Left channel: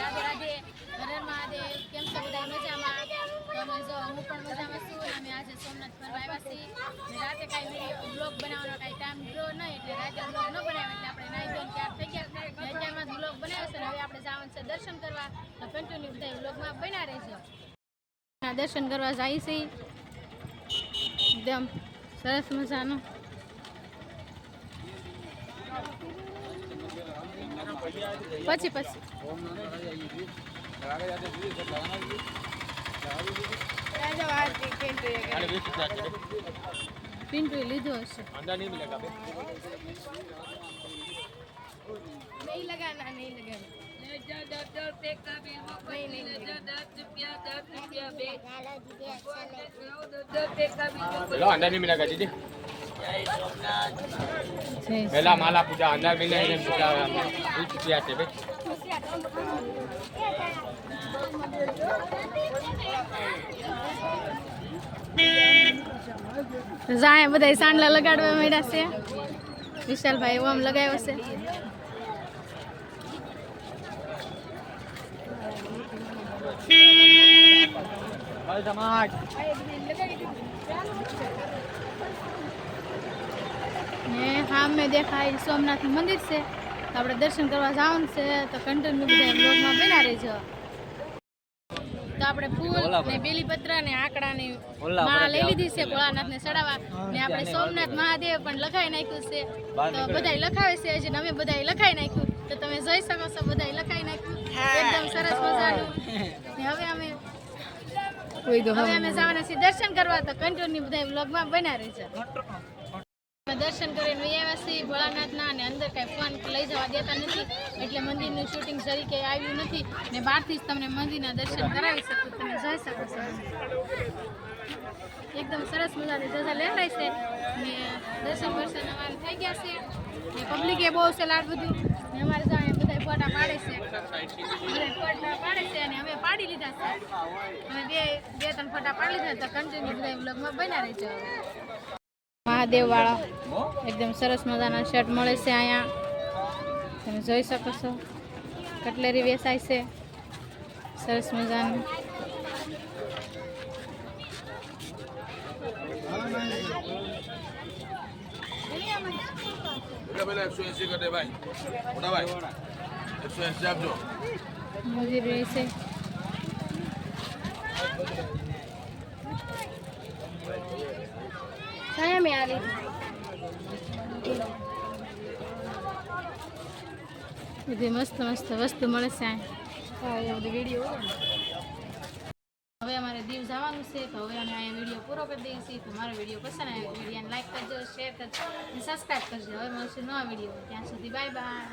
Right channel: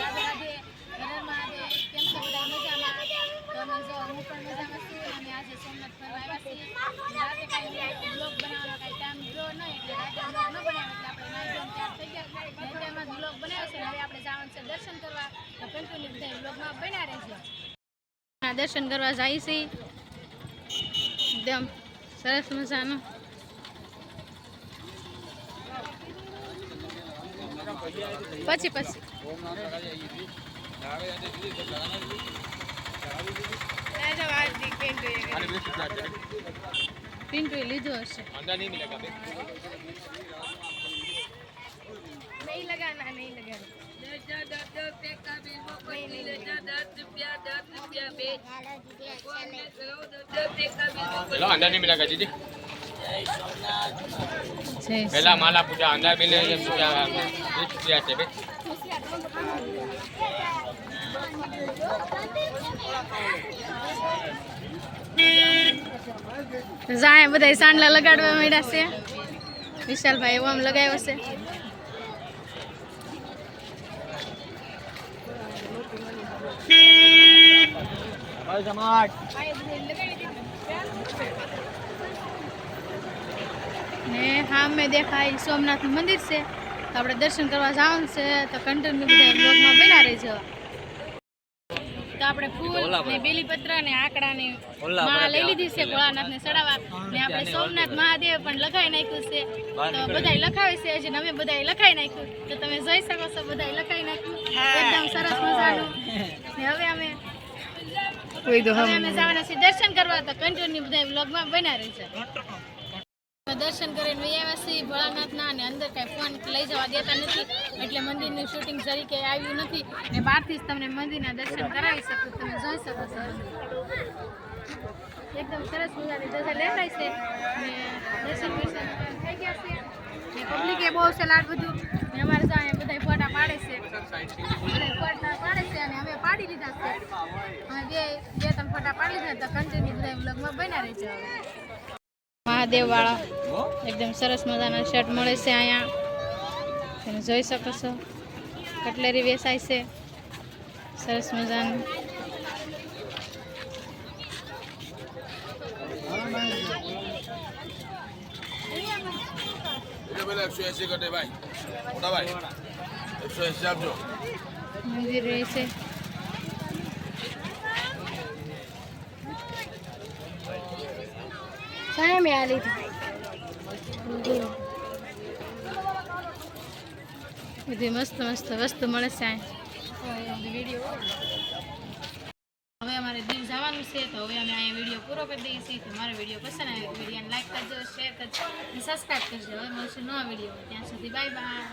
રાધે રાધે, હર મહાદેવ. કેમ છો બધા? મજામાં? તો અમે જો હું પણ મજામાં છું. અને આજે સોમનાથ ફરવા આવ્યા છીએ. રાતે કાંઈ બ્લોગ બનાવવાનો કાંઈ ટાઈમ રહ્યો નહીં, એટલે રાતે બ્લોગ ન બનાવ્યો, એટલે આપણે નાઈ ધોઈને તૈયાર થઈ ગયા. અત્યારમાં બ્લોગ બનાવ્યો છે ને હવે આપણે જવાનું છે દર્શન કરવા. તો કન્ટિન્યુ બધા બ્લોગમાં બન્યા રહેજો. દર્શન કરવા જાય છે એકદમ સરસ મજાનું. પછી પિન્ટુ લીધો હશે. નહીં લગાના, નહીં લગાના. अंदर नहीं मिलेगा दीदी। पहला माला पूजा अंदर मिले पूजा से भाई। जाए बधाई सांडला लगाड़वा માંડ્યા છે. વિશાલભાઈ ઓમ લગાવ્યો છે. ને હા મેં દેખાય સોમનાથ નું મંદિર છે, તો આપણે દર્શન કરવા જવાનું છે. તો કન્ટિન્યુ બધા બ્લોગમાં બના રહેજો. તો આપણે ફૂલ ને બેલીપત્ર ને આકડાની માળા લઈ લીધી છે ભોળાનાથને ચડાવવા. ને આપણે સોમનાથ મહાદેવ પણ લખાઈ નાખ્યું છે. તો બધાય લખાવે છે, હજી અમે બધાય લખાઈ નાખ્યું. તો તમે જોઈ શકો છો બધાય લખાઈ નાખ્યું એકદમ સરસ મજાનું. ને હવે અમે જવાના છીએ દર્શન કરવા. તો કન્ટિન્યુ બધા બ્લોગમાં બના રહેજો. દર્શન કરીને આવ્યા છીએ ભોળાનાથના, અને અંદર કાંઈ ફોન લઈ જવા દેતા નથી, એટલે મંદિરનું શૂટિંગ તરીકે આવ્યું નથી. ને બહારથી જ તમને મંદિરના દર્શન કરાવી શકું, તમે જોઈ શકો છો. એકદમ સરસ મજાની ધજા લેખાય છે. ને દર્શન અમારે થઈ ગયા છે. ને પબ્લિકે બહુ છે લાડ બધું. ને અમારે ત્યાં બધા ફોટા પાડે છે, ફોટા પાડે છે. અને અમે પાડી લીધા છે. અમે બે ત્રણ ફોટા પાડી લીધા. તો કન્ટિન્યુ બધા બ્લોગમાં બન્યા રહેજો. મહાદેવ વાળા એકદમ સરસ મજાના શર્ટ મળે છે અહીંયા, તમે જોઈ શકો છો. કટલેરી વેચાય છે સરસ મજાનું. મંદિર રહેશે. બધી મસ્ત મસ્ત વસ્તુ મળે છે. હવે અમારે દીવ જવાનું છે, તો હવે અમે અહીંયા વિડીયો પૂરો કરી દઈએ છીએ. તો મારો વિડીયો પસંદ આવે વિડીયોને લાઈક કરજો, શેર કરજો અને સબસ્ક્રાઈબ કરજો. હવે મળશે નવા વિડીયો. ત્યાં સુધી બાય બાય.